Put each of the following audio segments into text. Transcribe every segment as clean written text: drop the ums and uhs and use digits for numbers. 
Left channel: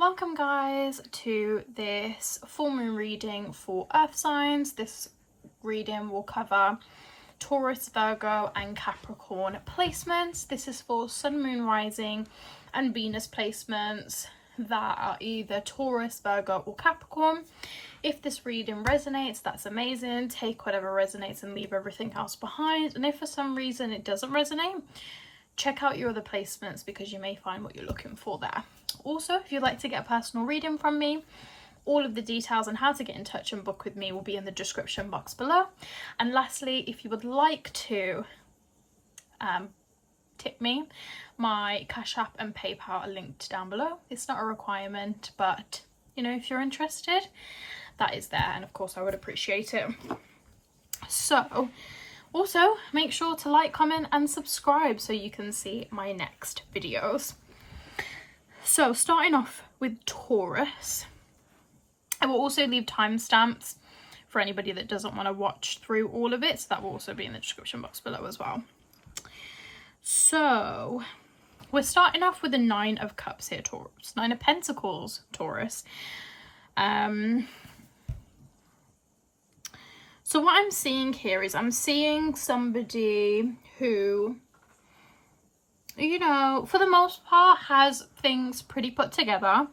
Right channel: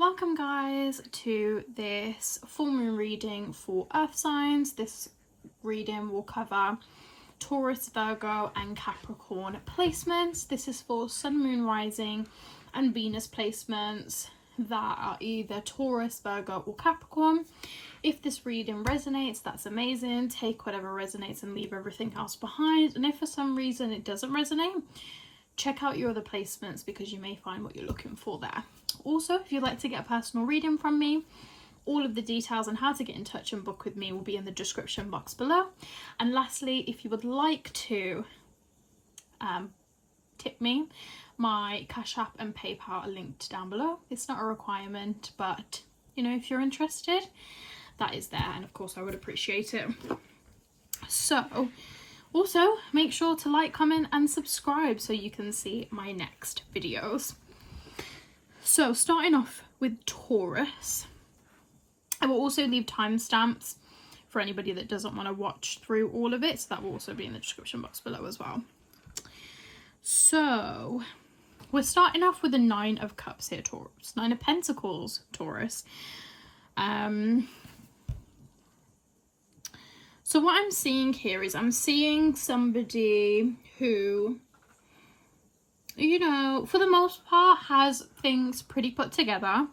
Welcome guys to this full moon reading for earth signs. This reading will cover Taurus, Virgo and Capricorn placements. This is for sun, moon, rising and Venus placements that are either Taurus, Virgo or Capricorn. If this reading resonates, that's amazing. Take whatever resonates and leave everything else behind. And if for some reason it doesn't resonate, check out your other placements because you may find what you're looking for there. Also, if you'd like to get a personal reading from me, all of the details on how to get in touch and book with me will be in the description box below. And lastly, if you would like to tip me, my Cash App and PayPal are linked down below. It's not a requirement, but you know, if you're interested, that is there, and of course I would appreciate it. So also make sure to like, comment and subscribe so you can see my next videos. So starting off with Taurus, I will also leave timestamps for anybody that doesn't want to watch through all of it, so that will also be in the description box below as well. So we're starting off with the Nine of Cups here, Taurus. Nine of Pentacles, Taurus. So what I'm seeing here is I'm seeing somebody who, you know, for the most part has things pretty put together.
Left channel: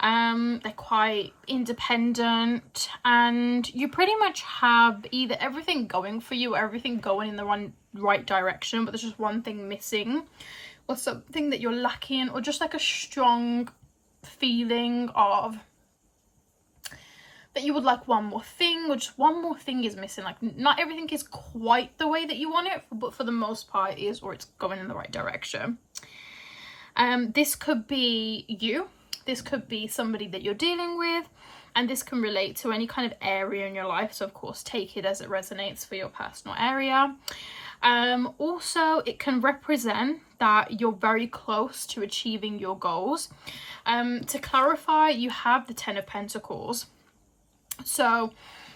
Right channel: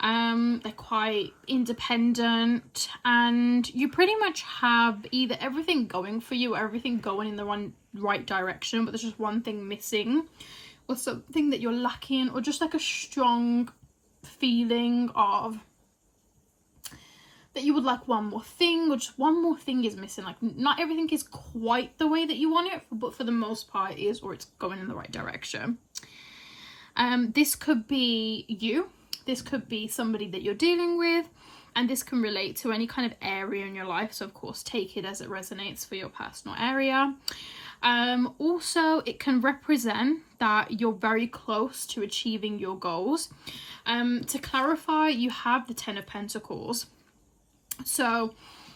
They're quite independent and you pretty much have either everything going for you or everything going in the right direction, but there's just one thing missing or something that you're lacking, or just like a strong feeling of that you would like one more thing, or just one more thing is missing. Like not everything is quite the way that you want it, but for the most part it is, or it's going in the right direction. This could be you, this could be somebody that you're dealing with, and this can relate to any kind of area in your life, so of course take it as it resonates for your personal area. Also it can represent that you're very close to achieving your goals. To clarify, you have the Ten of Pentacles. So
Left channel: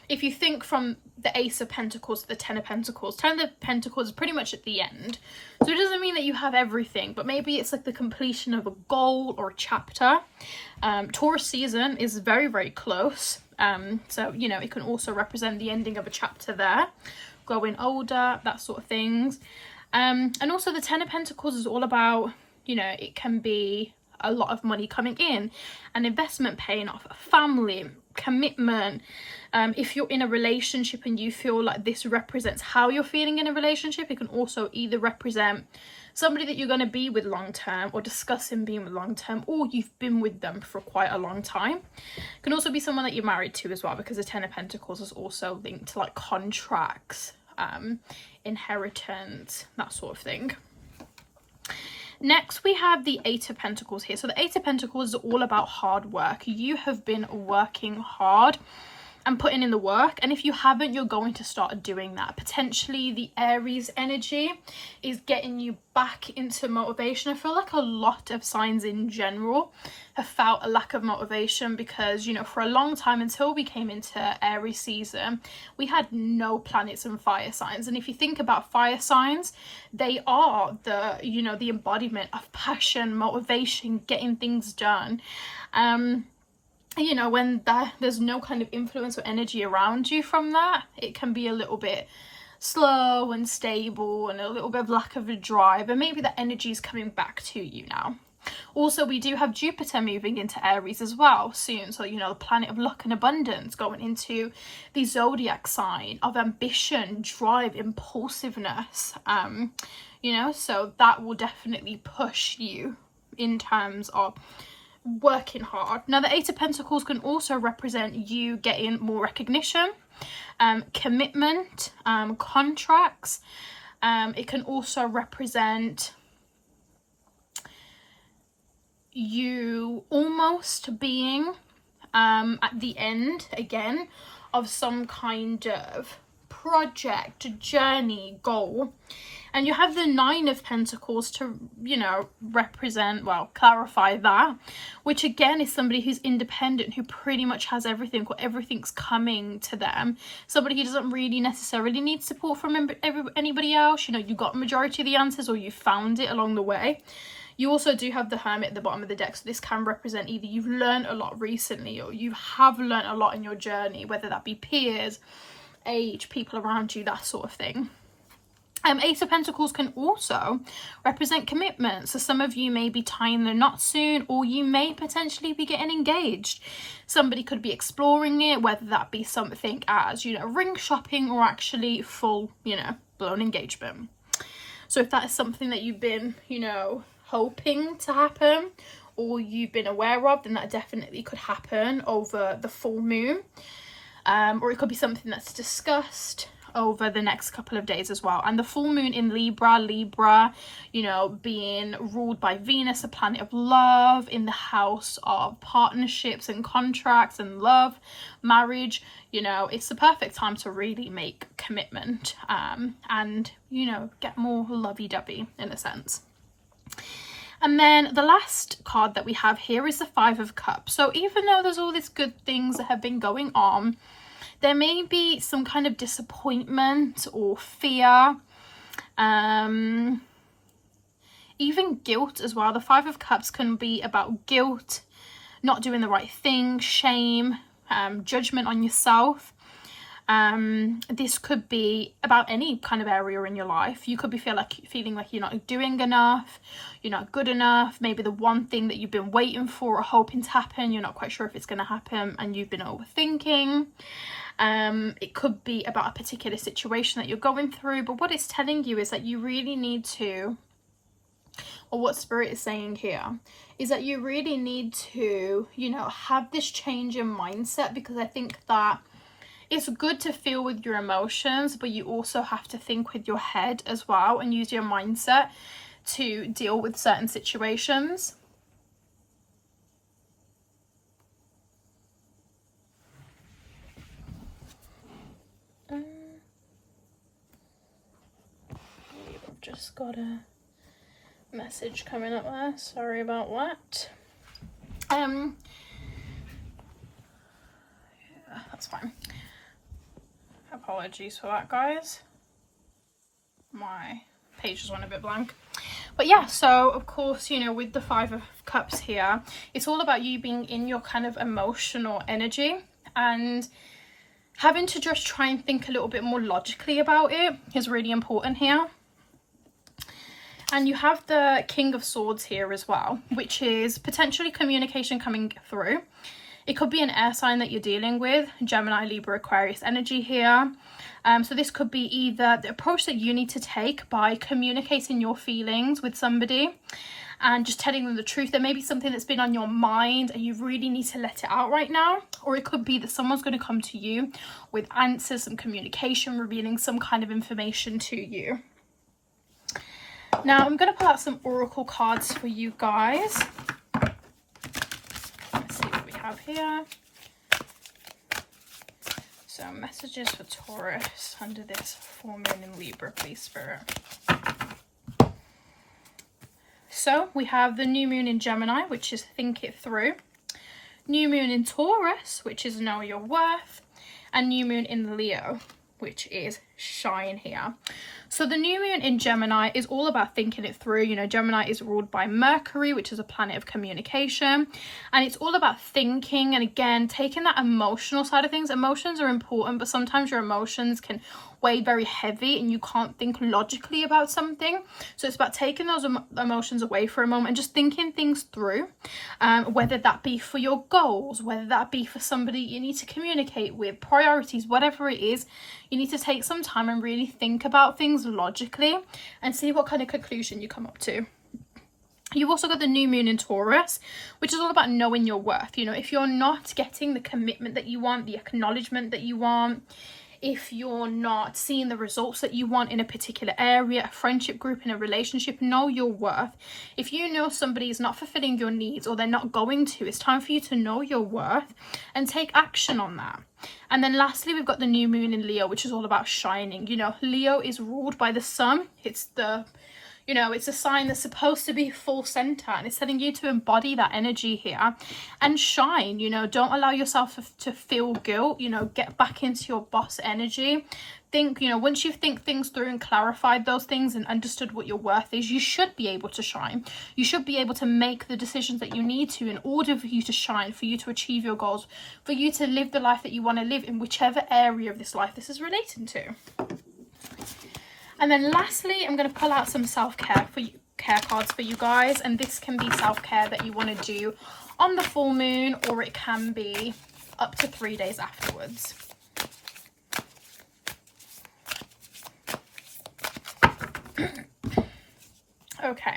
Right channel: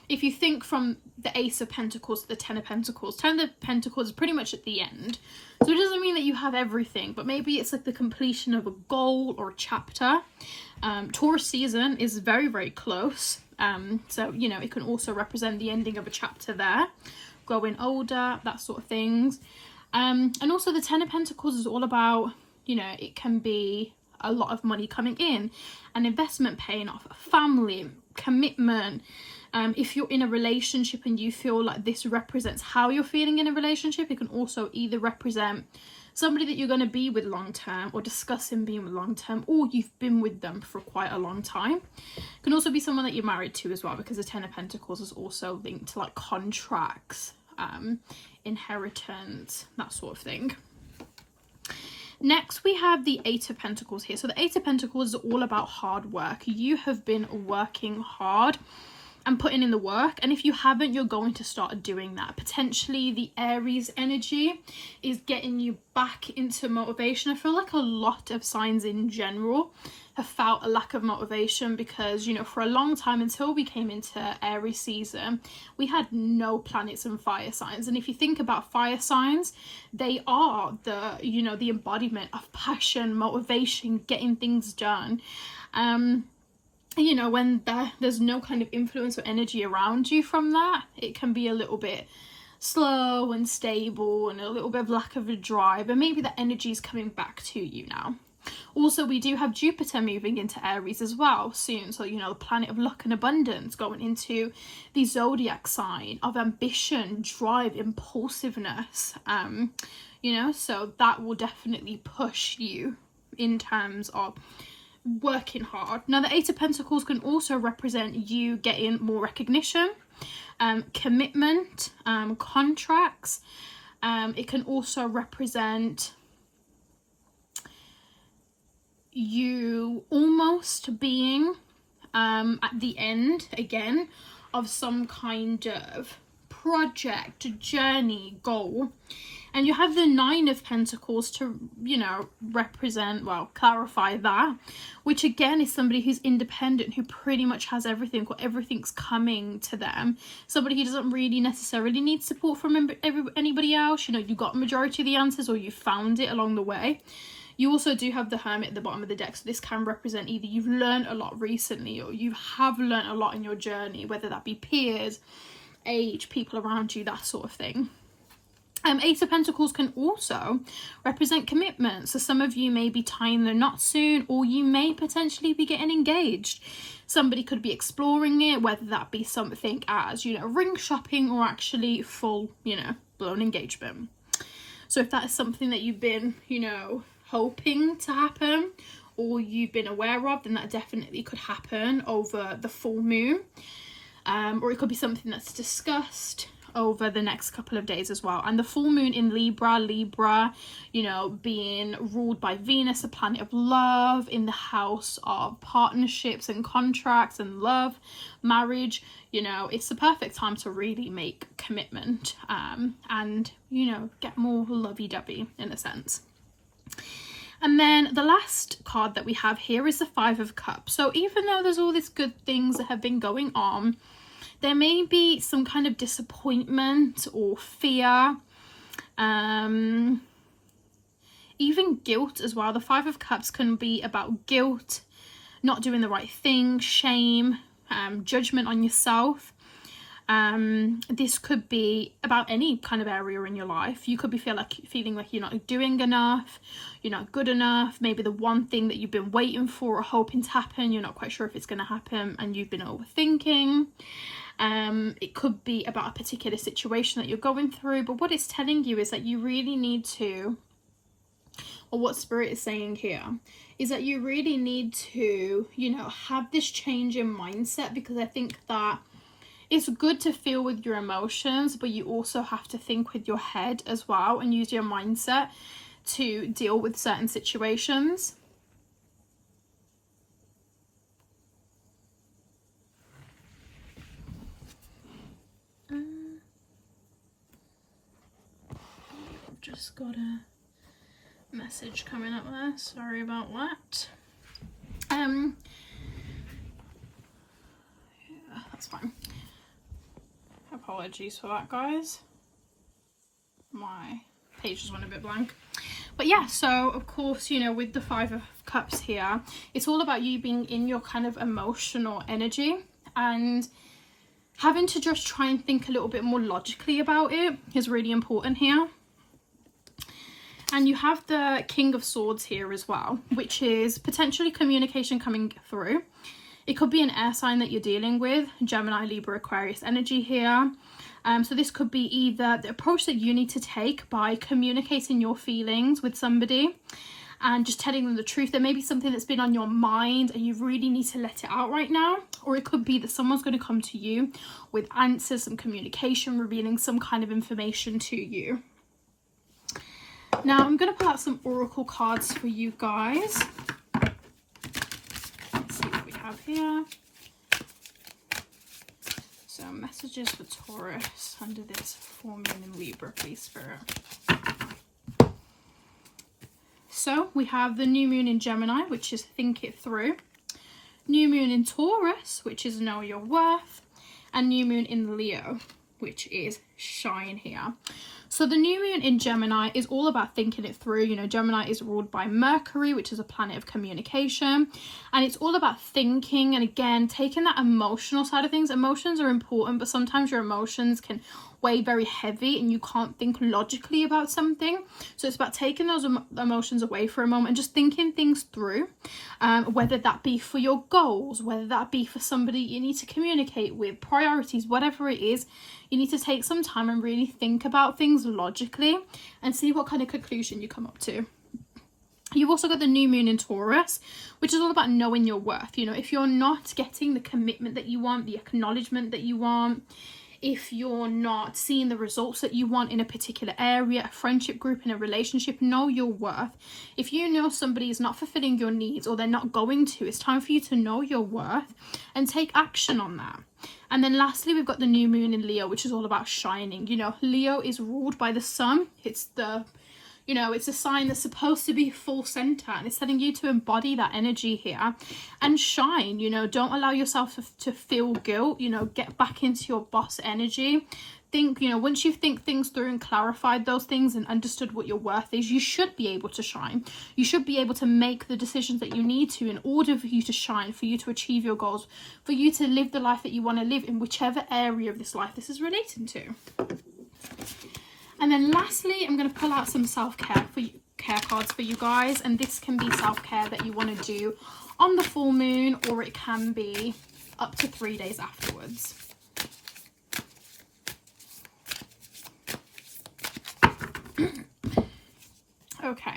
if you think from the Ace of Pentacles to the Ten of Pentacles, Ten of Pentacles is pretty much at the end. So it doesn't mean that you have everything, but maybe it's like the completion of a goal or a chapter. Taurus season is very, very close. So, you know, it can also represent the ending of a chapter there, growing older, that sort of things. And also the Ten of Pentacles is all about, you know, it can be a lot of money coming in, an investment paying off, a family, commitment. If you're in a relationship and you feel like this represents how you're feeling in a relationship, it can also either represent somebody that you're going to be with long term, or discussing being with long term, or you've been with them for quite a long time. It can also be someone that you're married to as well, because the Ten of Pentacles is also linked to like contracts, inheritance, that sort of thing. Next, we have the Eight of Pentacles here. So the Eight of Pentacles is all about hard work. You have been working hard and putting in the work. And if you haven't, you're going to start doing that. Potentially the Aries energy is getting you back into motivation. I feel like a lot of signs in general have felt a lack of motivation because, you know, for a long time until we came into Aries season, we had no planets and fire signs. And if you think about fire signs, they are the, you know, the embodiment of passion, motivation, getting things done. You know, when there's no kind of influence or energy around you from that, it can be a little bit slow and stable and a little bit of lack of a drive, and maybe that energy is coming back to you now. Also, we do have Jupiter moving into Aries as well soon, so you know, the planet of luck and abundance going into the zodiac sign of ambition, drive, impulsiveness. You know, so that will definitely push you in terms of working hard. Now the Eight of Pentacles can also represent you getting more recognition, commitment, contracts. It can also represent you almost being at the end again of some kind of project, journey, goal. And you have the Nine of Pentacles to, you know, represent, well, clarify that, which again is somebody who's independent, who pretty much has everything, or everything's coming to them. Somebody who doesn't really necessarily need support from anybody else. You know, you got majority of the answers, or you found it along the way. You also do have the Hermit at the bottom of the deck, so this can represent either you've learned a lot recently or you have learned a lot in your journey, whether that be peers, age, people around you, that sort of thing. Ace of Pentacles can also represent commitment. So some of you may be tying the knot soon, or you may potentially be getting engaged. Somebody could be exploring it, whether that be something as, you know, ring shopping or actually full, you know, blown engagement. So if that is something that you've been, you know, hoping to happen or you've been aware of, then that definitely could happen over the full moon. Or it could be something that's discussed over the next couple of days as well. And the full moon in Libra, you know, being ruled by Venus, a planet of love, in the house of partnerships and contracts and love, marriage, you know, it's the perfect time to really make commitment and, you know, get more lovey-dovey in a sense. And then the last card that we have here is the Five of Cups. So even though there's all these good things that have been going on, there may be some kind of disappointment or fear, even guilt as well. The Five of Cups can be about guilt, not doing the right thing, shame, judgment on yourself. This could be about any kind of area in your life. You could be feeling like you're not doing enough, you're not good enough. Maybe the one thing that you've been waiting for or hoping to happen, you're not quite sure if it's going to happen and you've been overthinking. It could be about a particular situation that you're going through, but what it's telling you is that you really need to, or what Spirit is saying here, is that you really need to, you know, have this change in mindset, because I think that it's good to feel with your emotions, but you also have to think with your head as well and use your mindset to deal with certain situations. I've just got a message coming up there. Sorry about that. Yeah, that's fine. Apologies for that, guys. My page just went a bit blank. But yeah, so of course, you know, with the Five of Cups here, it's all about you being in your kind of emotional energy and having to just try and think a little bit more logically about it is really important here. And you have the King of Swords here as well, which is potentially communication coming through. It could be an air sign that you're dealing with, Gemini, Libra, Aquarius energy here. So this could be either the approach that you need to take by communicating your feelings with somebody and just telling them the truth. There may be something that's been on your mind and you really need to let it out right now. Or it could be that someone's going to come to you with answers, some communication, revealing some kind of information to you. Now I'm going to pull out some oracle cards for you guys. Let's see what we have here. So messages for Taurus under this full moon in Libra, please, Spirit. So we have the new moon in Gemini, which is think it through. New moon in Taurus, which is know your worth. And new moon in Leo, which is shine here. So the new moon in Gemini is all about thinking it through. You know, Gemini is ruled by Mercury, which is a planet of communication. And it's all about thinking and, again, taking that emotional side of things. Emotions are important, but sometimes your emotions can weigh very heavy and you can't think logically about something. So it's about taking those emotions away for a moment and just thinking things through, whether that be for your goals, whether that be for somebody you need to communicate with, priorities, whatever it is. You need to take some time and really think about things logically and see what kind of conclusion you come up to. You've also got the new moon in Taurus, which is all about knowing your worth. You know, if you're not getting the commitment that you want, the acknowledgement that you want, if you're not seeing the results that you want in a particular area, a friendship group, in a relationship, know your worth. If you know somebody is not fulfilling your needs or they're not going to, it's time for you to know your worth and take action on that. And then lastly, we've got the new moon in Leo, which is all about shining. You know, Leo is ruled by the sun. It's the, You know, it's a sign that's supposed to be full center, and it's telling you to embody that energy here and shine. You know, don't allow yourself to feel guilt. You know, get back into your boss energy. Think, you know, once you think things through and clarified those things and understood what your worth is, you should be able to shine. You should be able to make the decisions that you need to in order for you to shine, for you to achieve your goals, for you to live the life that you want to live in whichever area of this life this is relating to. And then lastly, I'm going to pull out some self-care care cards for you guys, and this can be self-care that you want to do on the full moon, or it can be up to 3 days afterwards. Okay,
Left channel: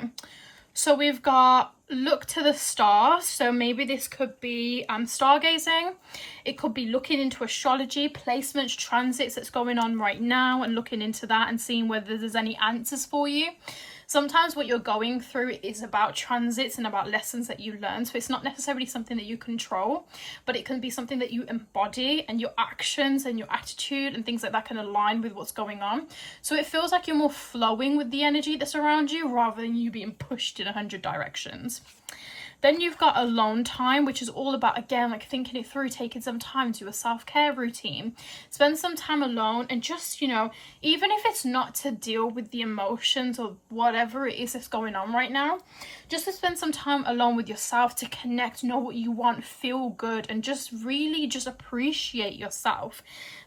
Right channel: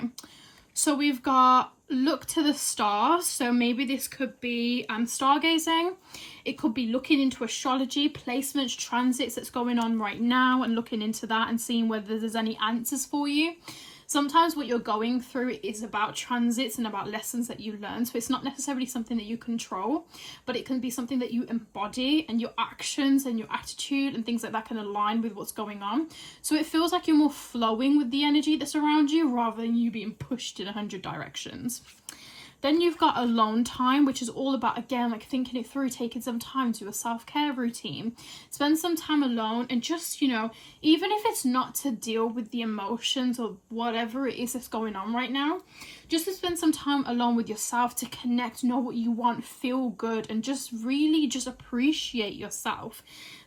so we've got look to the stars. So maybe this could be stargazing. It could be looking into astrology, placements, transits that's going on right now, and looking into that and seeing whether there's any answers for you. Sometimes what you're going through is about transits and about lessons that you learn. So it's not necessarily something that you control, but it can be something that you embody, and your actions and your attitude and things like that can align with what's going on. So it feels like you're more flowing with the energy that's around you rather than you being pushed in 100 directions. Then you've got alone time, which is all about, again, like thinking it through, taking some time to do a self-care routine. Spend some time alone and just, you know, even if it's not to deal with the emotions or whatever it is that's going on right now, just to spend some time alone with yourself, to connect, know what you want, feel good, and just really just appreciate yourself.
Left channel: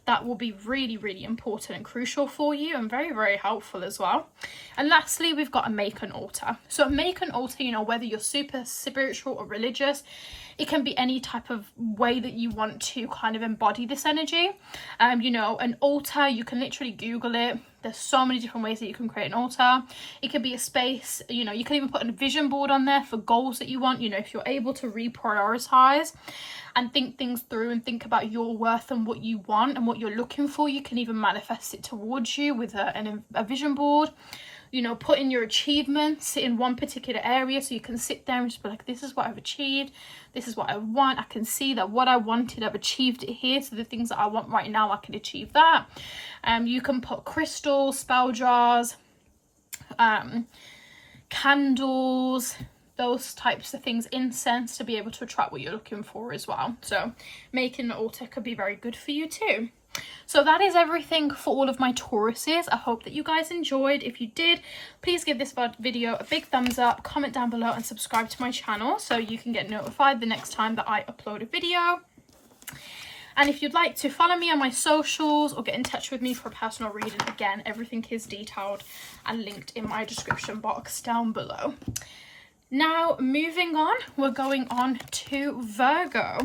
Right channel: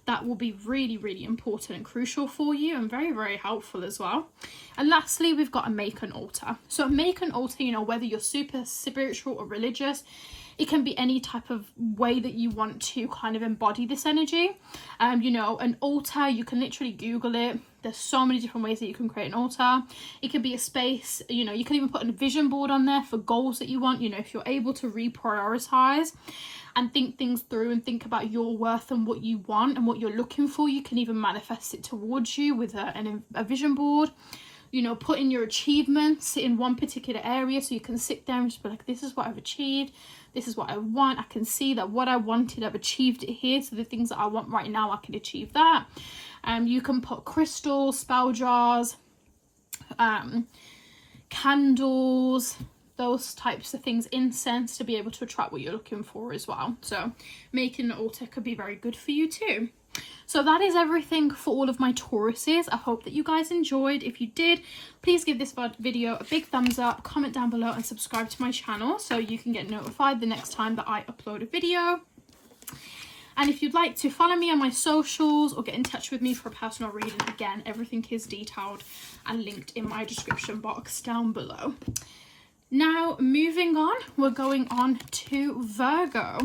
That will be really, really important and crucial for you, and very, very helpful as well. And lastly, we've got a make an altar. So make an altar, you know, whether you're super spiritual or religious, it can be any type of way that you want to kind of embody this energy. You know, an altar, you can literally Google it. There's so many different ways that you can create an altar. It could be a space, you know, you can even put a vision board on there for goals that you want. You know, if you're able to reprioritize and think things through and think about your worth and what you want and what you're looking for, you can even manifest it towards you with a vision board. You know, put in your achievements in one particular area, so you can sit there and just be like, this is what I've achieved, this is what I want. I can see that what I wanted, I've achieved it here. So the things that I want right now, I can achieve that. You can put crystals, spell jars, candles, those types of things, incense, to be able to attract what you're looking for as well. So making an altar could be very good for you too. So that is everything for all of my Tauruses. I hope that you guys enjoyed. If you did, please give this video a big thumbs up, comment down below, and subscribe to my channel so you can get notified the next time that I upload a video. And if you'd like to follow me on my socials or get in touch with me for a personal reading, again, everything is detailed and linked in my description box down below. Now, moving on, we're going on to Virgo.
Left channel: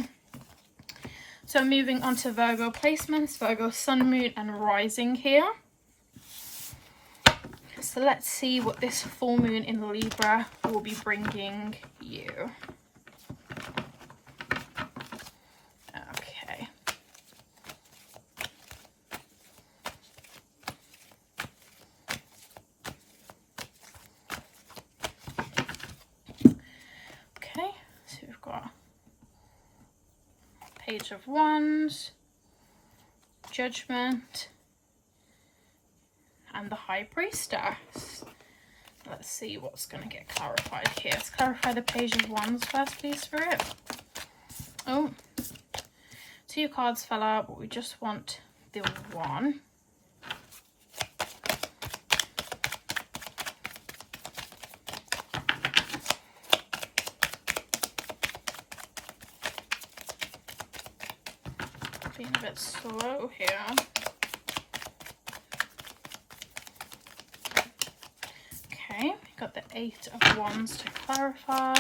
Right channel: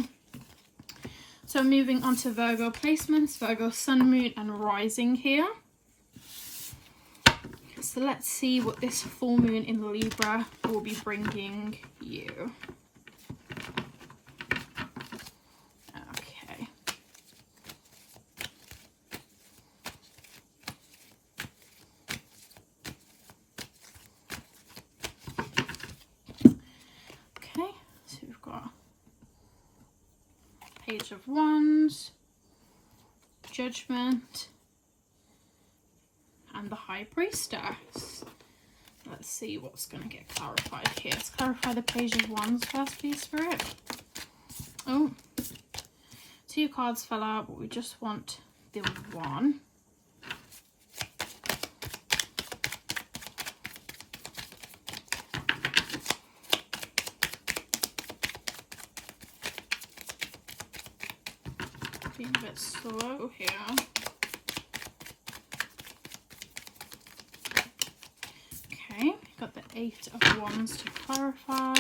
So moving on to Virgo placements, Virgo sun, moon, and rising here. So let's see what this full moon in Libra will be bringing you. Okay. Okay, so we've got Page of Wands, Judgment, and the High Priestess. Let's see what's going to get clarified here. Let's clarify the Page of Wands first, please, Spirit. Oh, 2 cards fell out, but we just want the 1. Being a bit slow here. Okay, got the 8 of Wands to clarify.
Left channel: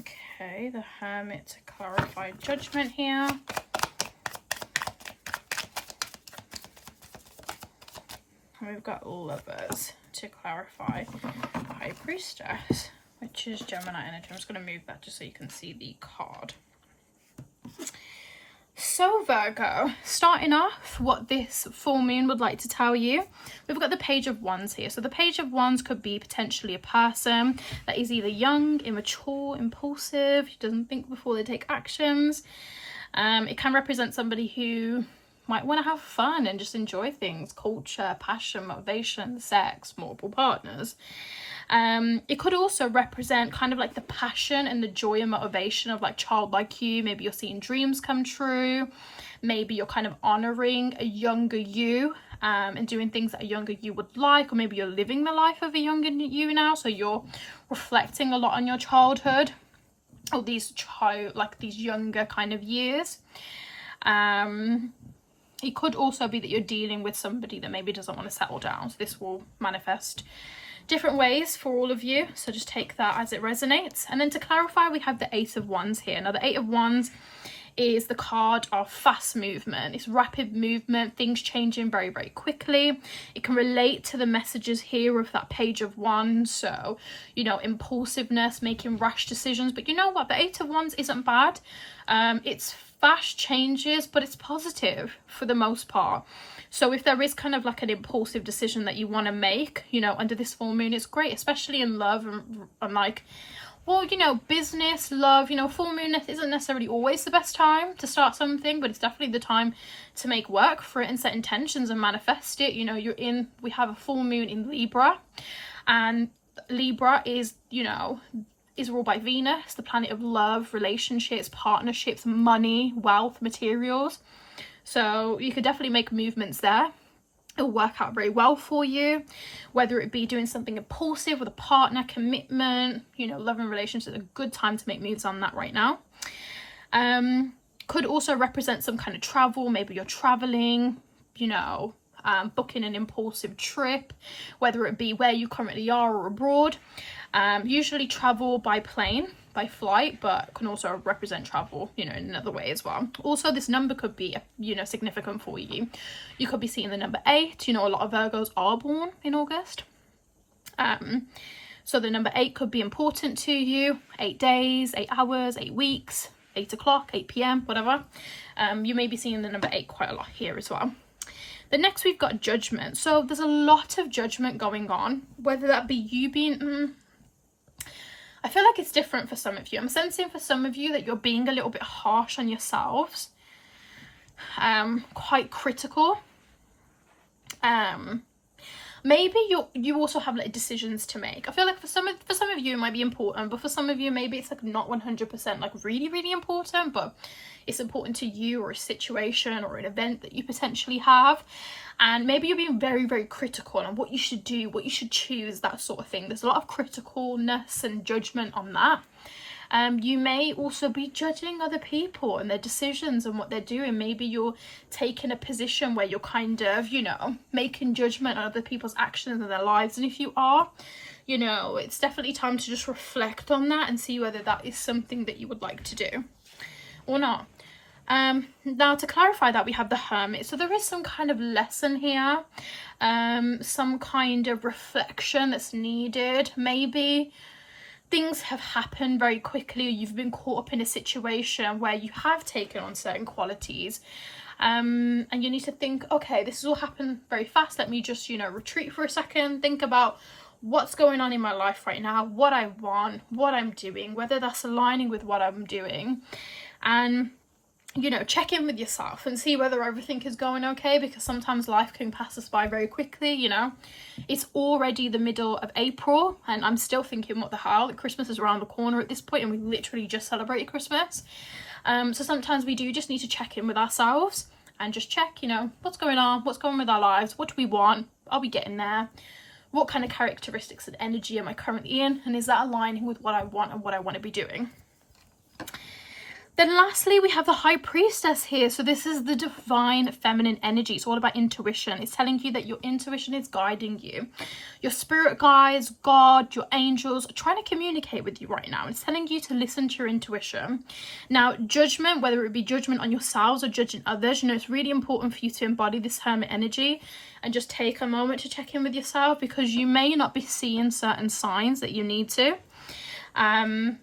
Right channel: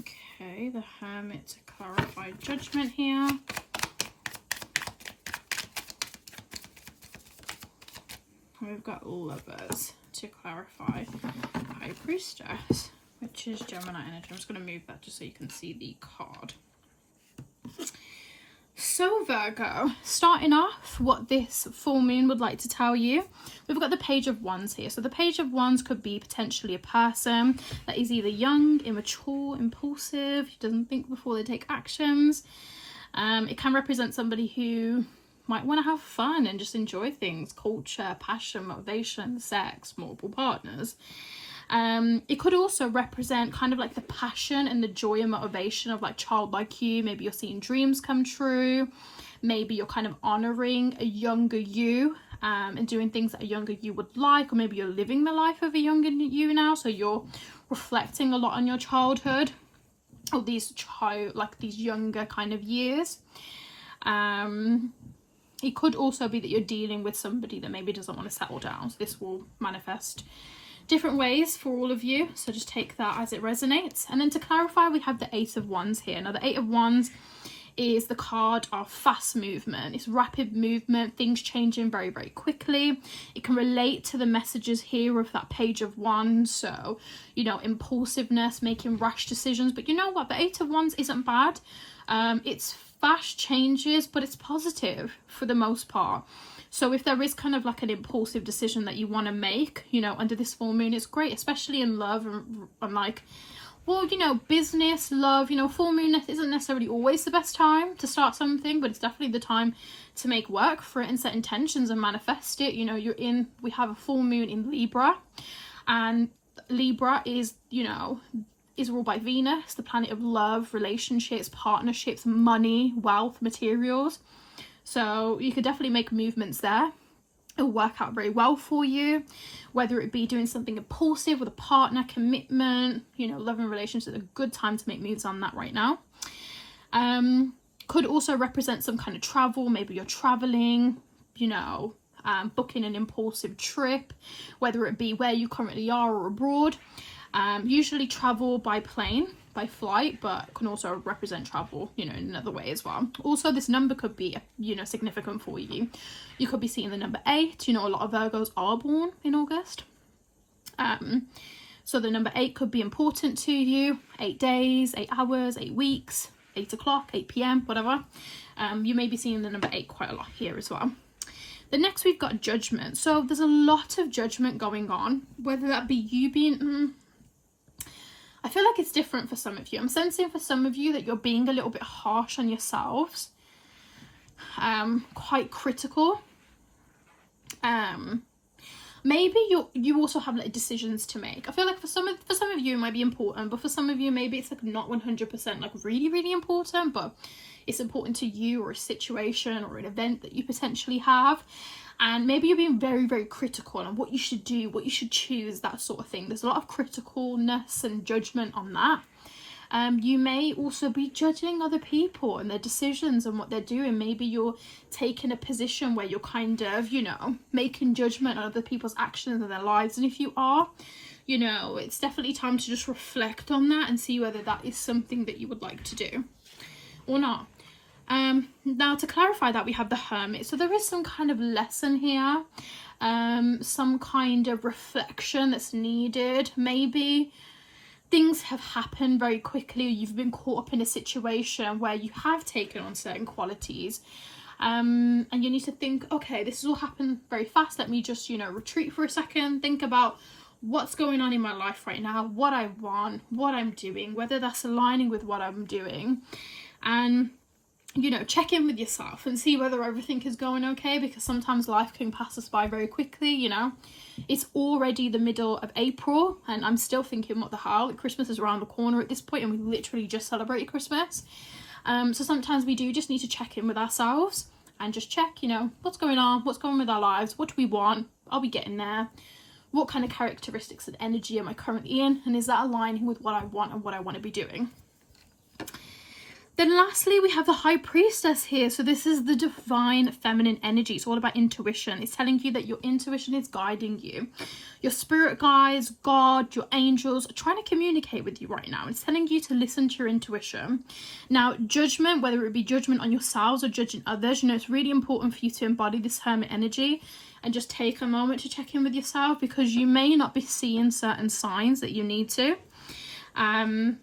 Okay, the Hermit to clarify Judgment here. And we've got Lovers to clarify High Priestess, which is Gemini energy. I'm just going to move that just so you can see the card. So Virgo, starting off what this full moon would like to tell you, we've got the Page of Wands here. So the Page of Wands could be potentially a person that is either young, immature, impulsive, who doesn't think before they take actions. It can represent somebody who might want to have fun and just enjoy things, culture, passion, motivation, sex, multiple partners. It could also represent kind of like the passion and the joy and motivation of like childlike you. Maybe you're seeing dreams come true. Maybe you're kind of honoring a younger you, and doing things that a younger you would like, or maybe you're living the life of a younger you now, so you're reflecting a lot on your childhood, or these younger kind of years. It could also be that you're dealing with somebody that maybe doesn't want to settle down, so this will manifest different ways for all of you, so just take that as it resonates. And then to clarify, we have the Eight of Wands here. Now the Eight of Wands is the card of fast movement. It's rapid movement, things changing very, very quickly. It can relate to the messages here of that Page of Wands, so, you know, impulsiveness, making rash decisions. But you know what, the Eight of Wands isn't bad. It's fast changes, but it's positive for the most part. So if there is kind of like an impulsive decision that you want to make, you know, under this full moon, it's great, especially in love and like, well, you know, business, love. You know, full moon isn't necessarily always the best time to start something, but it's definitely the time to make work for it and set intentions and manifest it. You know, we have a full moon in Libra, and Libra is, you know, is ruled by Venus, the planet of love, relationships, partnerships, money, wealth, materials. So you could definitely make movements there. It'll work out very well for you, whether it be doing something impulsive with a partner, commitment, you know, love and relationships. A good time to make moves on that right now. Could also represent some kind of travel. Maybe you're traveling, you know, booking an impulsive trip, whether it be where you currently are or abroad. Usually travel by plane, by flight, but can also represent travel, you know, in another way as well. Also, this number could be, you know, significant for you. You could be seeing the number 8. You know, a lot of Virgos are born in August. So the number 8 could be important to you. 8 days, 8 hours, 8 weeks, 8 o'clock, 8 p.m, whatever. You may be seeing the number 8 quite a lot here as well. The next we've got judgment. So there's a lot of judgment going on, whether that be you being... I feel like it's different for some of you. I'm sensing for some of you that you're being a little bit harsh on yourselves, quite critical. Maybe you also have like decisions to make. I feel like for some of you it might be important, but for some of you maybe it's like not 100% like really, really important, but it's important to you, or a situation or an event that you potentially have. And maybe you're being very, very critical on what you should do, what you should choose, that sort of thing. There's a lot of criticalness and judgment on that. You may also be judging other people and their decisions and what they're doing. Maybe you're taking a position where you're kind of, you know, making judgment on other people's actions and their lives. And if you are, you know, it's definitely time to just reflect on that and see whether that is something that you would like to do or not. Now to clarify that, we have the Hermit. So there is some kind of lesson here, some kind of reflection that's needed. Maybe things have happened very quickly, or you've been caught up in a situation where you have taken on certain qualities, and you need to think, okay, this has all happened very fast. Let me just, you know, retreat for a second, think about what's going on in my life right now, what I want, what I'm doing, whether that's aligning with what I'm doing, and, you know, check in with yourself and see whether everything is going okay, because sometimes life can pass us by very quickly. You know, it's already the middle of April and I'm still thinking, what the hell, Christmas is around the corner at this point, and we literally just celebrated Christmas. So sometimes we do just need to check in with ourselves and just check, you know, what's going on, what's going on with our lives, what do we want, are we getting there, what kind of characteristics and energy am I currently in, and is that aligning with what I want and what I want to be doing. Then lastly, we have the High Priestess here. So this is the divine feminine energy. It's all about intuition. It's telling you that your intuition is guiding you. Your spirit guides, God, your angels are trying to communicate with you right now. It's telling you to listen to your intuition. Now, judgment, whether it be judgment on yourselves or judging others, you know, it's really important for you to embody this Hermit energy and just take a moment to check in with yourself, because you may not be seeing certain signs that you need to.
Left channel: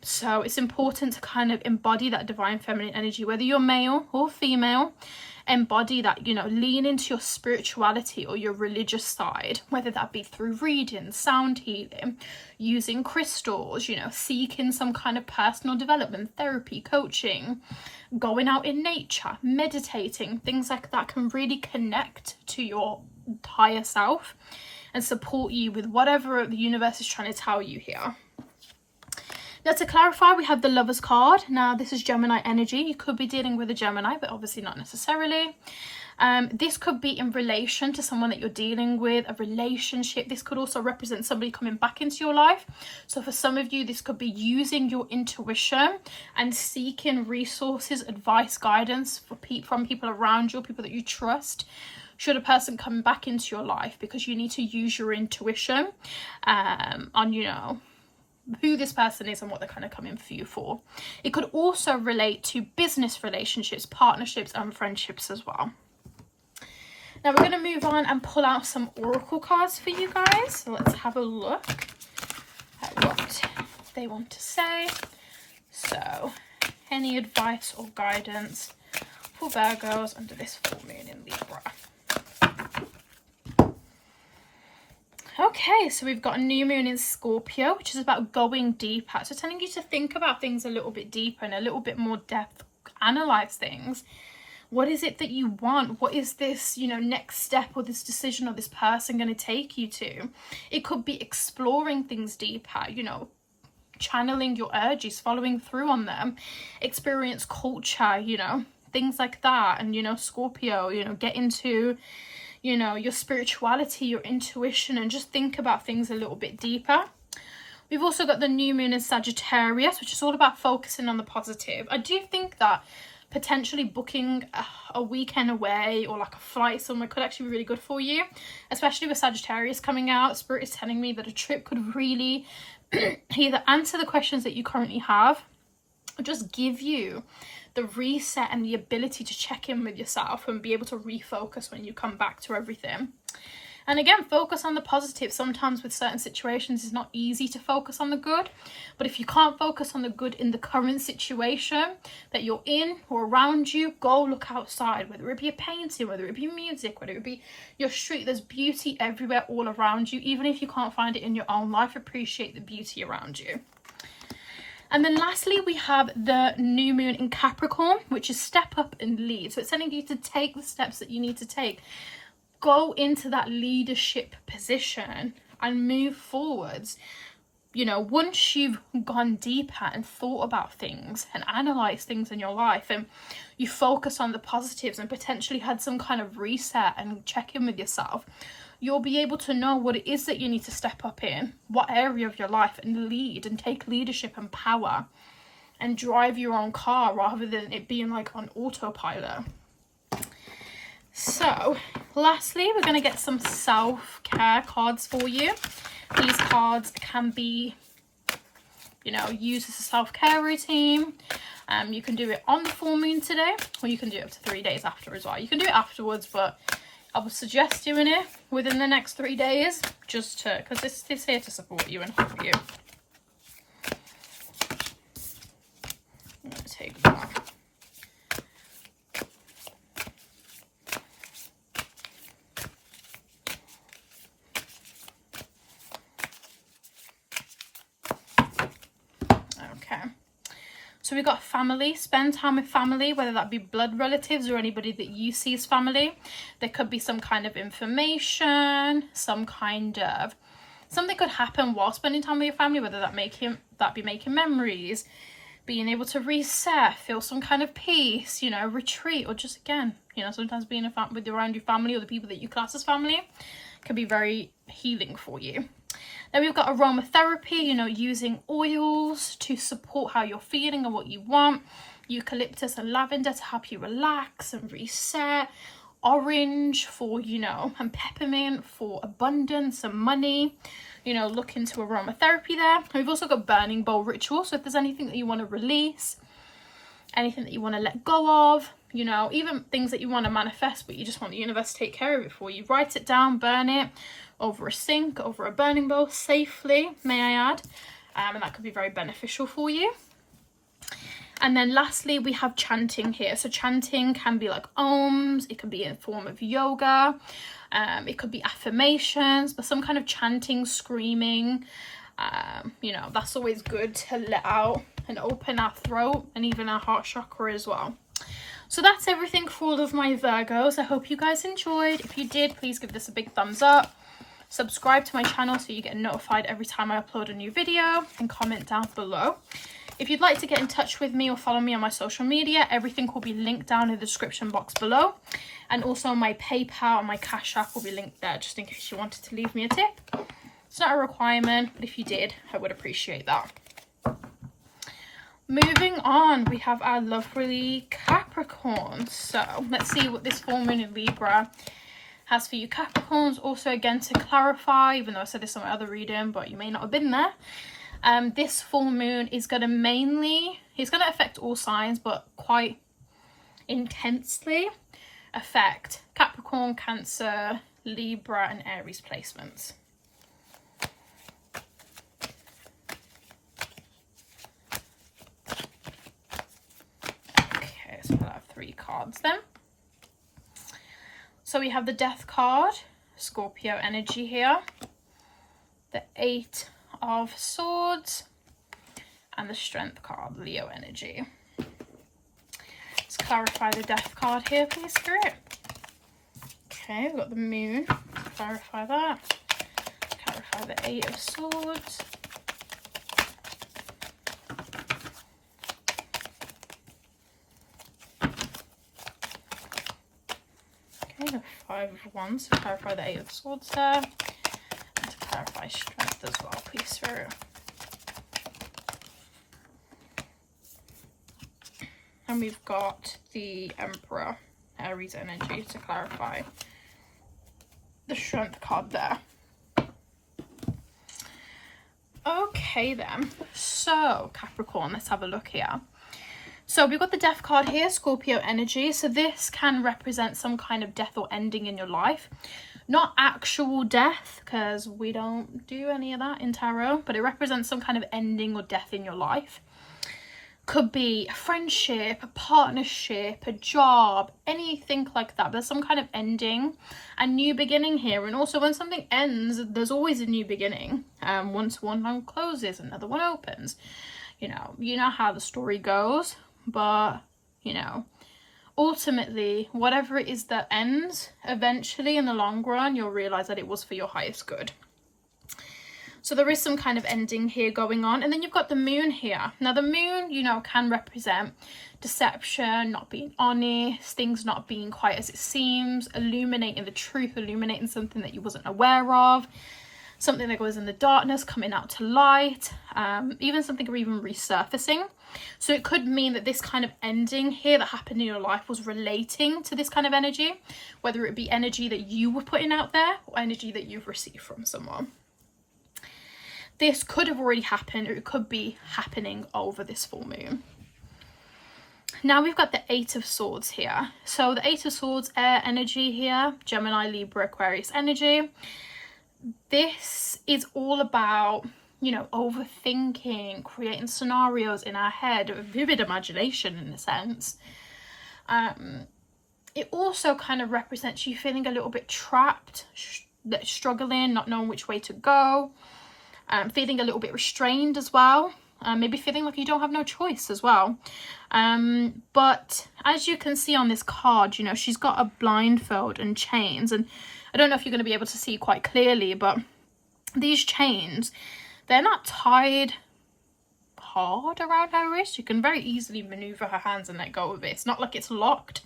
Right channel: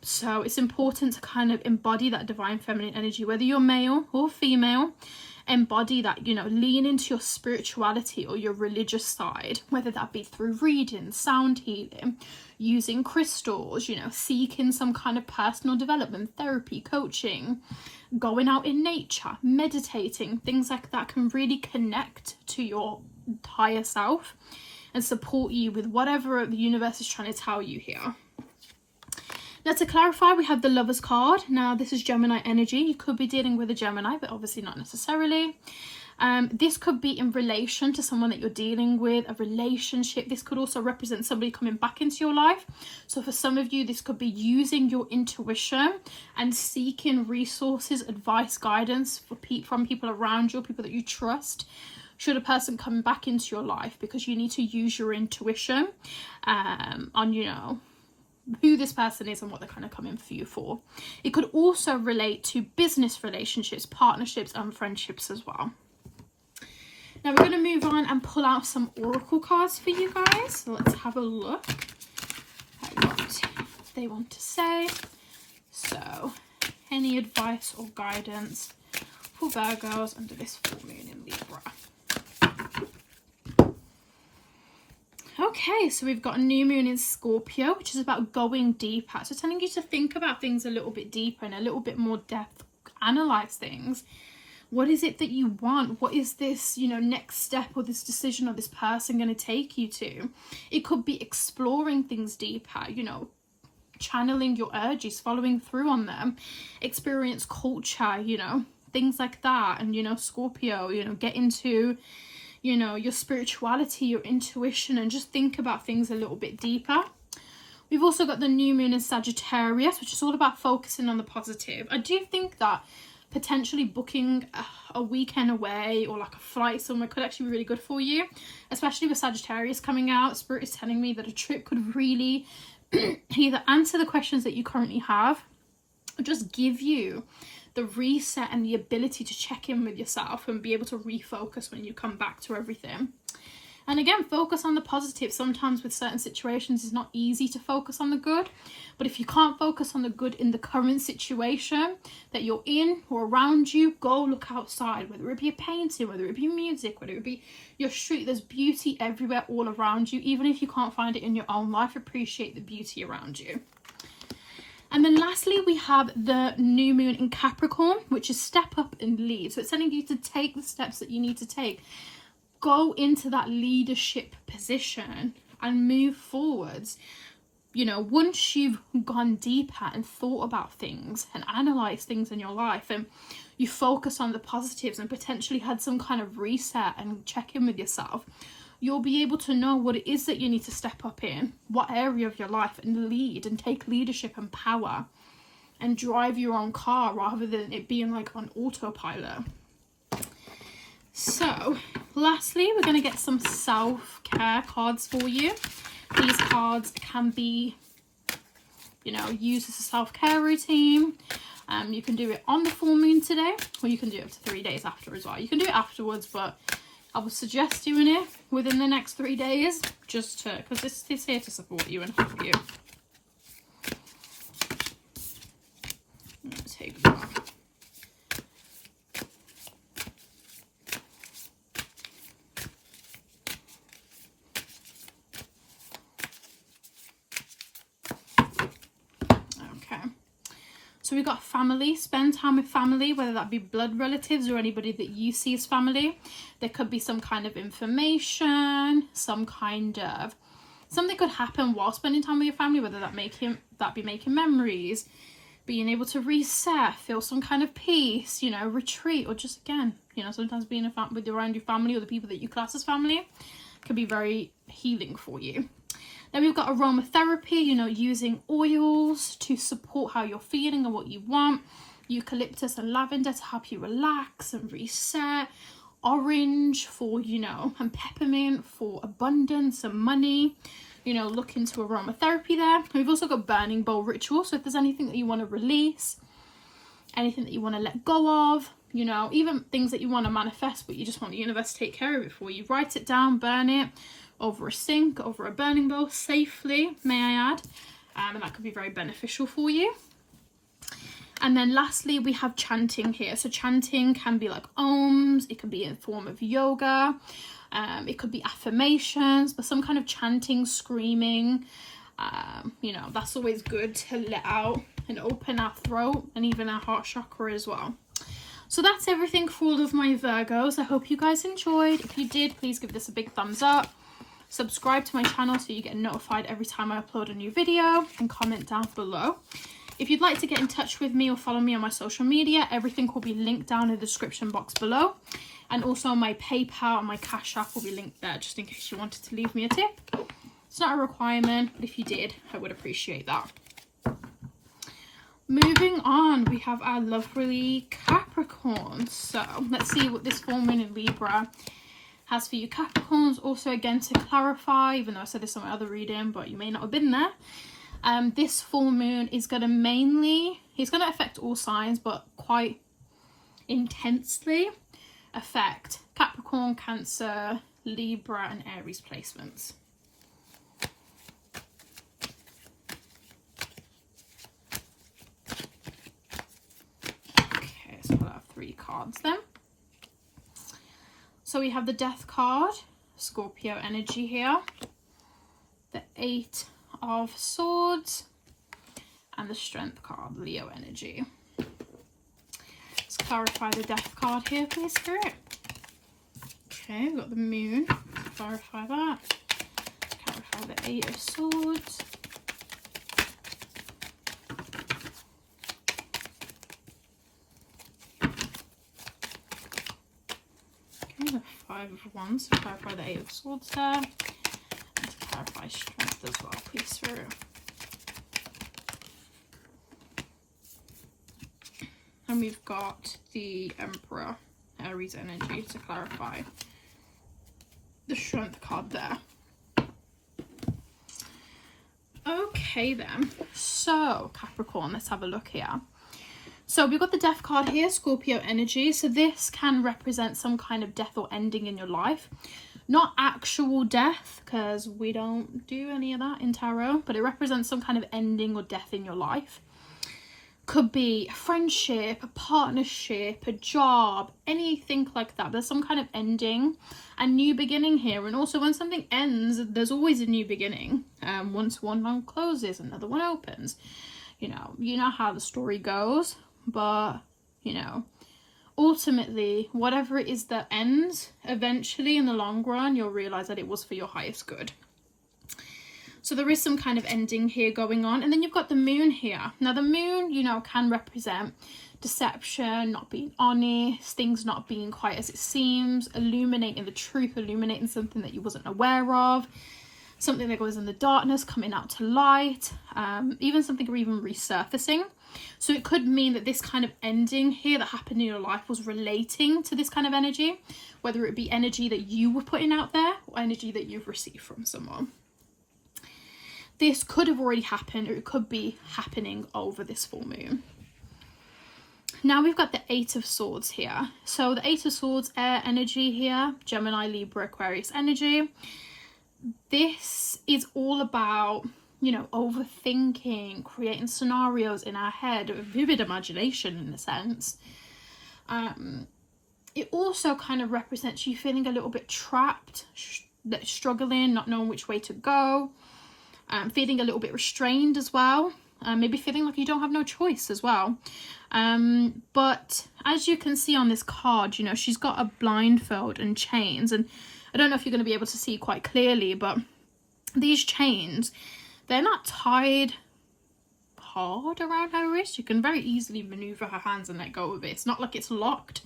So it's important to kind of embody that divine feminine energy, whether you're male or female. embody that, you know, lean into your spirituality or your religious side, whether that be through reading, sound healing, using crystals, you know, seeking some kind of personal development, therapy, coaching, going out in nature, meditating, things like that can really connect to your higher self and support you with whatever the universe is trying to tell you here. Now, to clarify, we have the Lovers card. Now, this is Gemini energy. You could be dealing with a Gemini, but obviously not necessarily. This could be in relation to someone that you're dealing with, a relationship. This could also represent somebody coming back into your life. So for some of you, this could be using your intuition and seeking resources, advice, guidance from people around you, people that you trust, should a person come back into your life, because you need to use your intuition on, you know, who this person is and what they're kind of coming for you for. It could also relate to business relationships, partnerships and friendships as well. Now we're going to move on and pull out some oracle cards for you guys. So let's have a look at what they want to say. So any advice or guidance for Virgos under this full moon in Libra. Okay, so we've got a new moon in Scorpio, which is about going deeper. So telling you to think about things a little bit deeper and a little bit more depth, analyze things. What is it that you want? What is this, you know, next step or this decision or this person going to take you to? It could be exploring things deeper, you know, channeling your urges, following through on them, experience culture, you know, things like that. And, you know, Scorpio, you know, get into, you know, your spirituality, your intuition, and just think about things a little bit deeper. We've also got the new moon in Sagittarius, which is all about focusing on the positive. I do think that potentially booking a weekend away or like a flight somewhere could actually be really good for you, especially with Sagittarius coming out. Spirit is telling me that a trip could really either answer the questions that you currently have or just give you the reset and the ability to check in with yourself and be able to refocus when you come back to everything. And again, focus on the positive. Sometimes with certain situations, it's not easy to focus on the good. But if you can't focus on the good in the current situation that you're in or around you, go look outside, whether it be a painting, whether it be music, whether it be your street. There's beauty everywhere all around you. Even if you can't find it in your own life, appreciate the beauty around you. And then lastly, we have the new moon in Capricorn, which is step up and lead. So it's telling you to take the steps that you need to take. Go into that leadership position and move forwards. You know, once you've gone deeper and thought about things and analysed things in your life, and you focus on the positives and potentially had some kind of reset and check in with yourself, you'll be able to know what it is that you need to step up in, what area of your life, and lead and take leadership and power and drive your own car rather than it being like on autopilot. So lastly, we're going to get some self-care cards for you. These cards can be, you know, used as a self-care routine. You can do it on the full moon today, or you can do it up to 3 days after as well. You can do it afterwards, but I would suggest doing it within the next 3 days, just to, because this is here to support you and help you. I'm going to take one. So we've got family. Spend time with family, whether that be blood relatives or anybody that you see as family. There could be some kind of information, some kind of, something could happen while spending time with your family, whether that be making memories, being able to reset, feel some kind of peace, you know, retreat, or just again, you know, sometimes being around your family or the people that you class as family can be very healing for you. Then we've got aromatherapy, you know, using oils to support how you're feeling and what you want. Eucalyptus and lavender to help you relax and reset. Orange for, you know, and peppermint for abundance and money. You know, look into aromatherapy there. And we've also got burning bowl ritual. So if there's anything that you want to release, anything that you want to let go of, you know, even things that you want to manifest, but you just want the universe to take care of it for you, write it down, burn it over a sink, over a burning bowl, safely, may I add, and that could be very beneficial for you. And then lastly, we have chanting here. So chanting can be like ohms, it can be in form of yoga, it could be affirmations, but some kind of chanting, screaming, you know, that's always good to let out and open our throat and even our heart chakra as well. So that's everything for all of my Virgos. I hope you guys enjoyed. If you did, please give this a big thumbs up. Subscribe to my channel so you get notified every time I upload a new video, and comment down below. If you'd like to get in touch with me or follow me on my social media, everything will be linked down in the description box below. And also my PayPal and my Cash App will be linked there, just in case you wanted to leave me a tip. It's not a requirement, but if you did, I would appreciate that. Moving on, we have our lovely Capricorn. So let's see what this full moon in Libra has for you Capricorns. Also, again, to clarify, even though I said this in my other reading, but you may not have been there, this full moon is going to it's going to affect all signs, but quite intensely affect Capricorn, Cancer, Libra and Aries placements. Okay, so we'll have 3 cards then. So we have the Death card, Scorpio energy here, the 8 of Swords, and the Strength card, Leo energy. Let's clarify the Death card here, please, Spirit. Okay, we've got the Moon. Clarify that. Clarify the 8 of Swords. Okay, the 5 of Wands. So clarify the 8 of Swords there. And to clarify Strength as well, please, Spirit. And we've got the Emperor, Aries energy, to clarify the Strength card there. Okay then, so Capricorn, let's have a look here. So we've got the Death card here, Scorpio energy. So this can represent some kind of death or ending in your life. Not actual death, because we don't do any of that in tarot, but it represents some kind of ending or death in your life. Could be a friendship, a partnership, a job, anything like that. There's some kind of ending and new beginning here. And also when something ends, there's always a new beginning. Once one closes, another one opens. You know how the story goes. But, you know, ultimately, whatever it is that ends, eventually in the long run, you'll realize that it was for your highest good. So there is some kind of ending here going on. And then you've got the Moon here. Now the Moon, you know, can represent deception, not being honest, things not being quite as it seems, illuminating the truth, illuminating something that you wasn't aware of, something that goes in the darkness coming out to light, even something even resurfacing. So it could mean that this kind of ending here that happened in your life was relating to this kind of energy, whether it be energy that you were putting out there or energy that you've received from someone. This could have already happened, or it could be happening over this full moon. Now we've got the 8 of Swords here. So the 8 of Swords, air energy here, Gemini, Libra, Aquarius energy. This is all about, you know, overthinking, creating scenarios in our head, vivid imagination in a sense. It also kind of represents you feeling a little bit trapped, struggling, not knowing which way to go. Feeling a little bit restrained as well, maybe feeling like you don't have no choice as well. But as you can see on this card, you know, she's got a blindfold and chains, and I don't know if you're going to be able to see quite clearly, but these chains, they're not tied hard around her wrist. You can very easily maneuver her hands and let go of it. It's not like it's locked,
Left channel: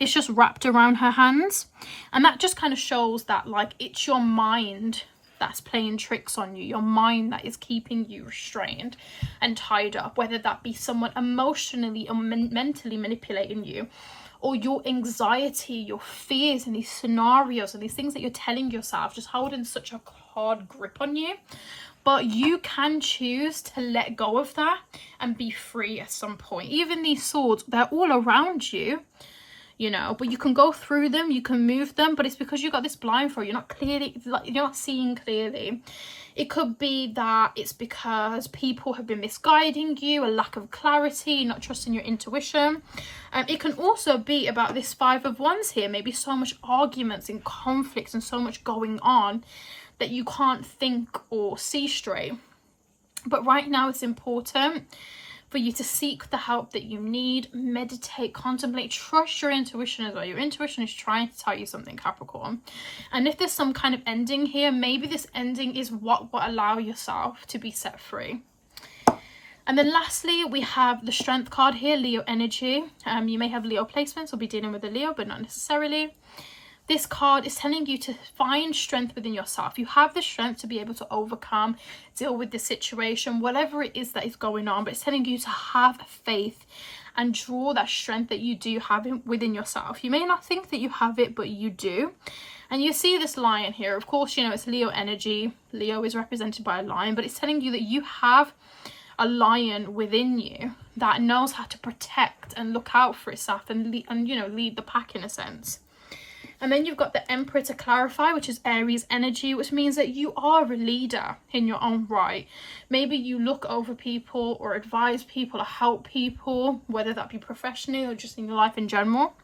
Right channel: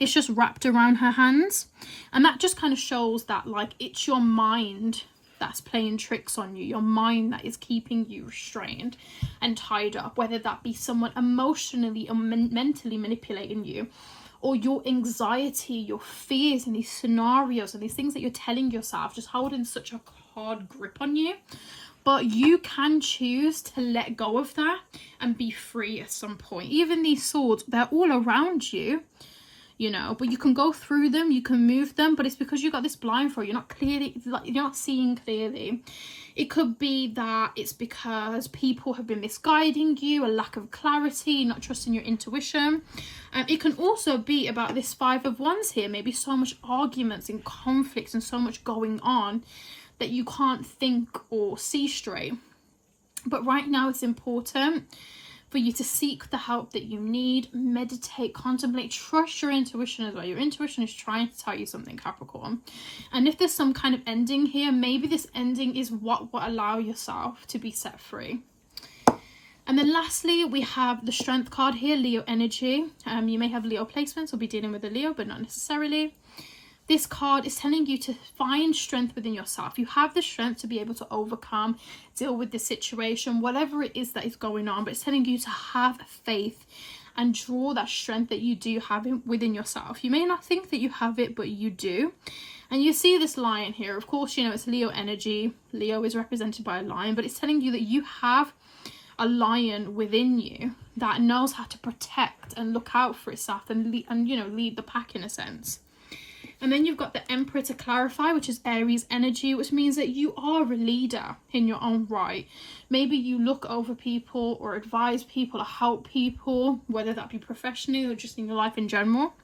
it's just wrapped around her hands. And that just kind of shows that, like, it's your mind that's playing tricks on you, your mind that is keeping you restrained and tied up, whether that be someone emotionally or mentally manipulating you, or your anxiety, your fears, and these scenarios and these things that you're telling yourself just holding such a hard grip on you. But you can choose to let go of that and be free at some point. Even these swords, they're all around you, you know, but you can go through them, you can move them, but it's because you've got this blindfold, you're not seeing clearly. It could be that it's because people have been misguiding you, a lack of clarity, not trusting your intuition. It can also be about this Five of Wands here, maybe so much arguments and conflicts and so much going on that you can't think or see straight. But right now it's important for you to seek the help that you need, meditate, contemplate, trust your intuition as well. Your intuition is trying to tell you something, Capricorn. And if there's some kind of ending here, maybe this ending is what will allow yourself to be set free. And then lastly, we have the Strength card here, Leo energy. You may have Leo placements or be dealing with a Leo, but not necessarily. This card is telling you to find strength within yourself. You have the strength to be able to overcome, deal with the situation, whatever it is that is going on. But it's telling you to have faith and draw that strength that you do have within yourself. You may not think that you have it, but you do. And you see this lion here. Of course, you know, it's Leo energy. Leo is represented by a lion, but it's telling you that you have a lion within you that knows how to protect and look out for itself and you know, lead the pack in a sense. And then you've got the Emperor to clarify, which is Aries energy, which means that you are a leader in your own right. Maybe you look over people or advise people or help people, whether that be professionally or just in your life in general.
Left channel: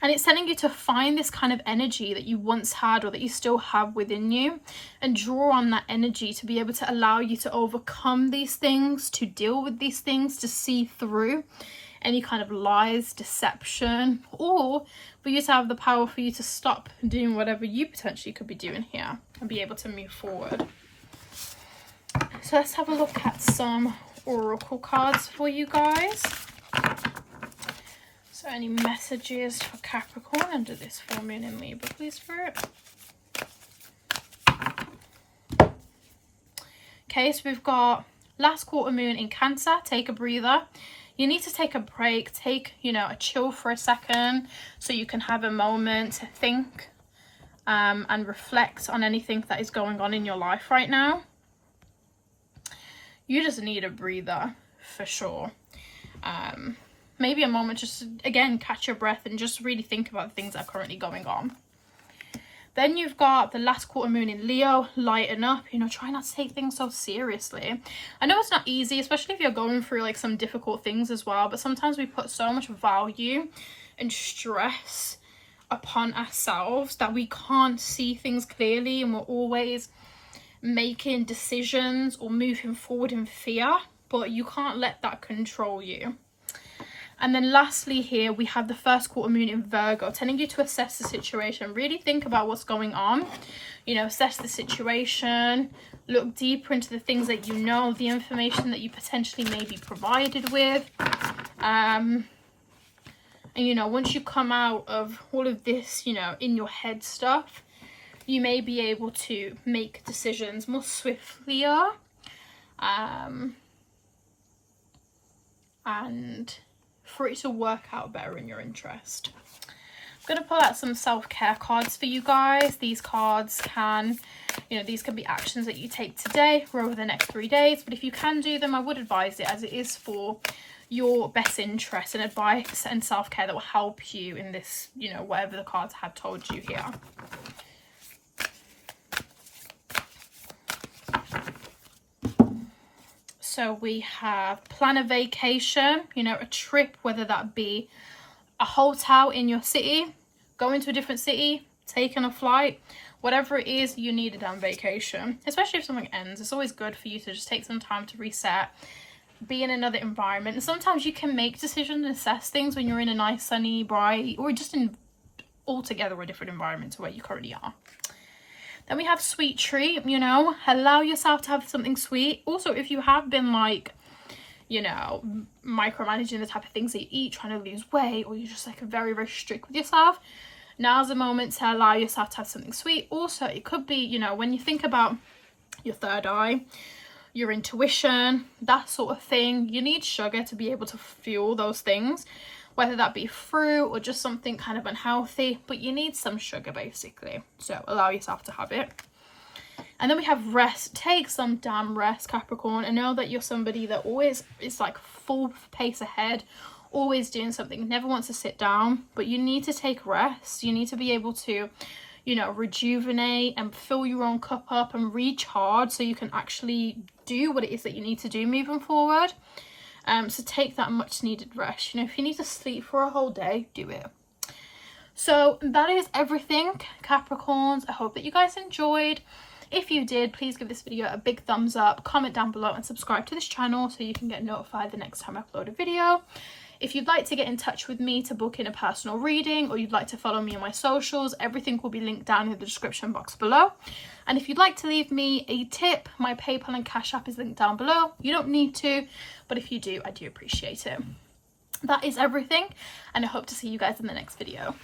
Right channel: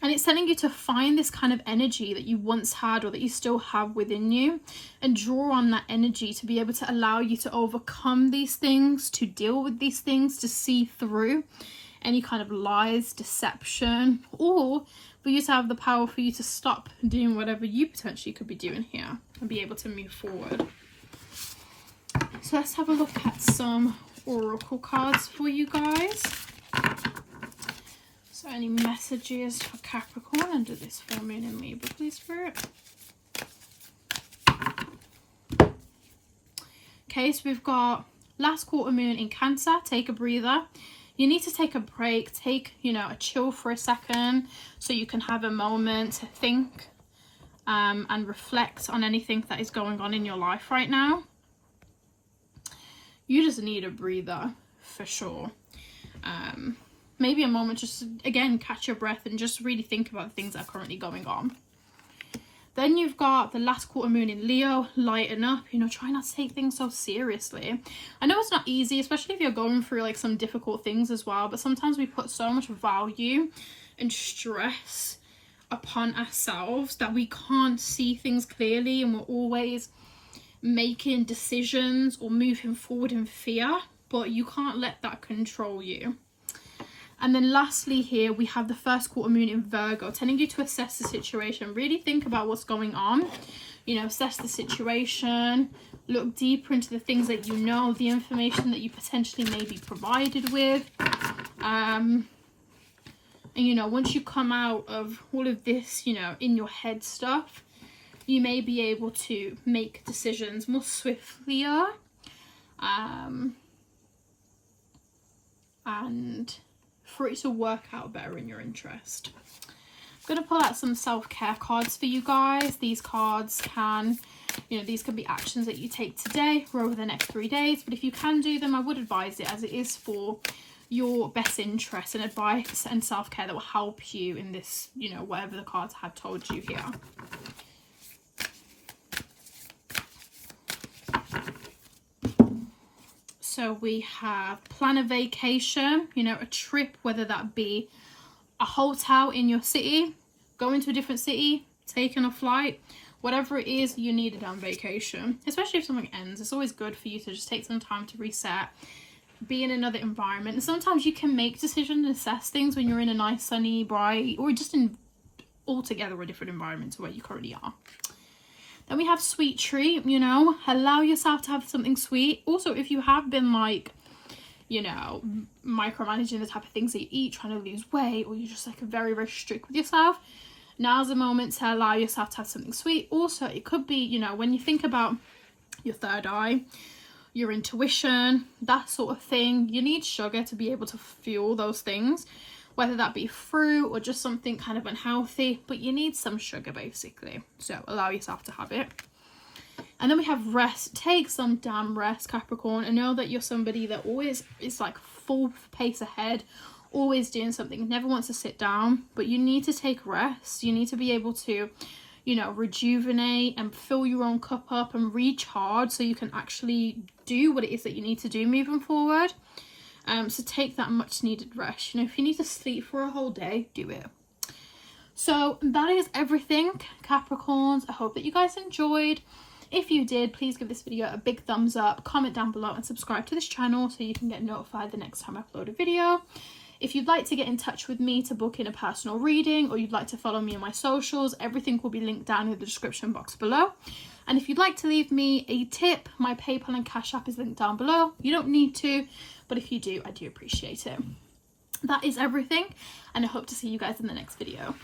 And it's telling you to find this kind of energy that you once had or that you still have within you and draw on that energy to be able to allow you to overcome these things, to deal with these things, to see through any kind of lies, deception, or for you to have the power for you to stop doing whatever you potentially could be doing here and be able to move forward. So let's have a look at some oracle cards for you guys. So any messages for Capricorn under this full moon in Libra, please, Spirit. Okay, so we've got last quarter moon in Cancer. Take a breather. You need to take a break, take, you know, a chill for a second so you can have a moment to think and reflect on anything that is going on in your life right now. You just need a breather for sure. Maybe a moment just to, again, catch your breath and just really think about the things that are currently going on. Then you've got the last quarter moon in Leo. Lighten up, you know, try not to take things so seriously. I know it's not easy, especially if you're going through like some difficult things as well, but sometimes we put so much value and stress upon ourselves that we can't see things clearly, and we're always making decisions or moving forward in fear, but you can't let that control you. And then lastly here, we have the first quarter moon in Virgo, telling you to assess the situation. Really think about what's going on. You know, assess the situation. Look deeper into the things that you know, the information that you potentially may be provided with. And, you know, once you come out of all of this, you know, in your head stuff, you may be able to make decisions more swiftly. And for it to work out better in your interest. I'm going to pull out some self-care cards for you guys. These cards can, you know, these can be actions that you take today or over the next 3 days. But if you can do them, I would advise it, as it is for your best interest and advice and self-care that will help you in this, you know, whatever the cards have told you here. So we have plan a vacation, you know, a trip, whether that be a hotel in your city, going to a different city, taking a flight, whatever it is you need a damn vacation. Especially if something ends, it's always good for you to just take some time to reset, be in another environment. And sometimes you can make decisions and assess things when you're in a nice, sunny, bright, or just in altogether a different environment to where you currently are. Then we have sweet treat, you know, allow yourself to have something sweet. Also, if you have been like, you know, micromanaging the type of things that you eat, trying to lose weight, or you're just like very, very strict with yourself, now's the moment to allow yourself to have something sweet. Also, it could be, you know, when you think about your third eye, your intuition, that sort of thing, you need sugar to be able to fuel those things. Whether that be fruit or just something kind of unhealthy, but you need some sugar basically. So allow yourself to have it. And then we have rest. Take some damn rest, Capricorn. I know that you're somebody that always is like full pace ahead, always doing something, never wants to sit down, but you need to take rest. You need to be able to, you know, rejuvenate and fill your own cup up and recharge so you can actually do what it is that you need to do moving forward. So take that much needed rest. You know, if you need to sleep for a whole day, do it. So that is everything, Capricorns. I hope that you guys enjoyed. If you did, please give this video a big thumbs up, comment down below and subscribe to this channel so you can get notified the next time I upload a video. If you'd like to get in touch with me to book in a personal reading, or you'd like to follow me on my socials, everything will be linked down in the description box below. And if you'd like to leave me a tip, my PayPal and Cash App is linked down below. You don't need to, but if you do, I do appreciate it. That is everything, and I hope to see you guys in the next video.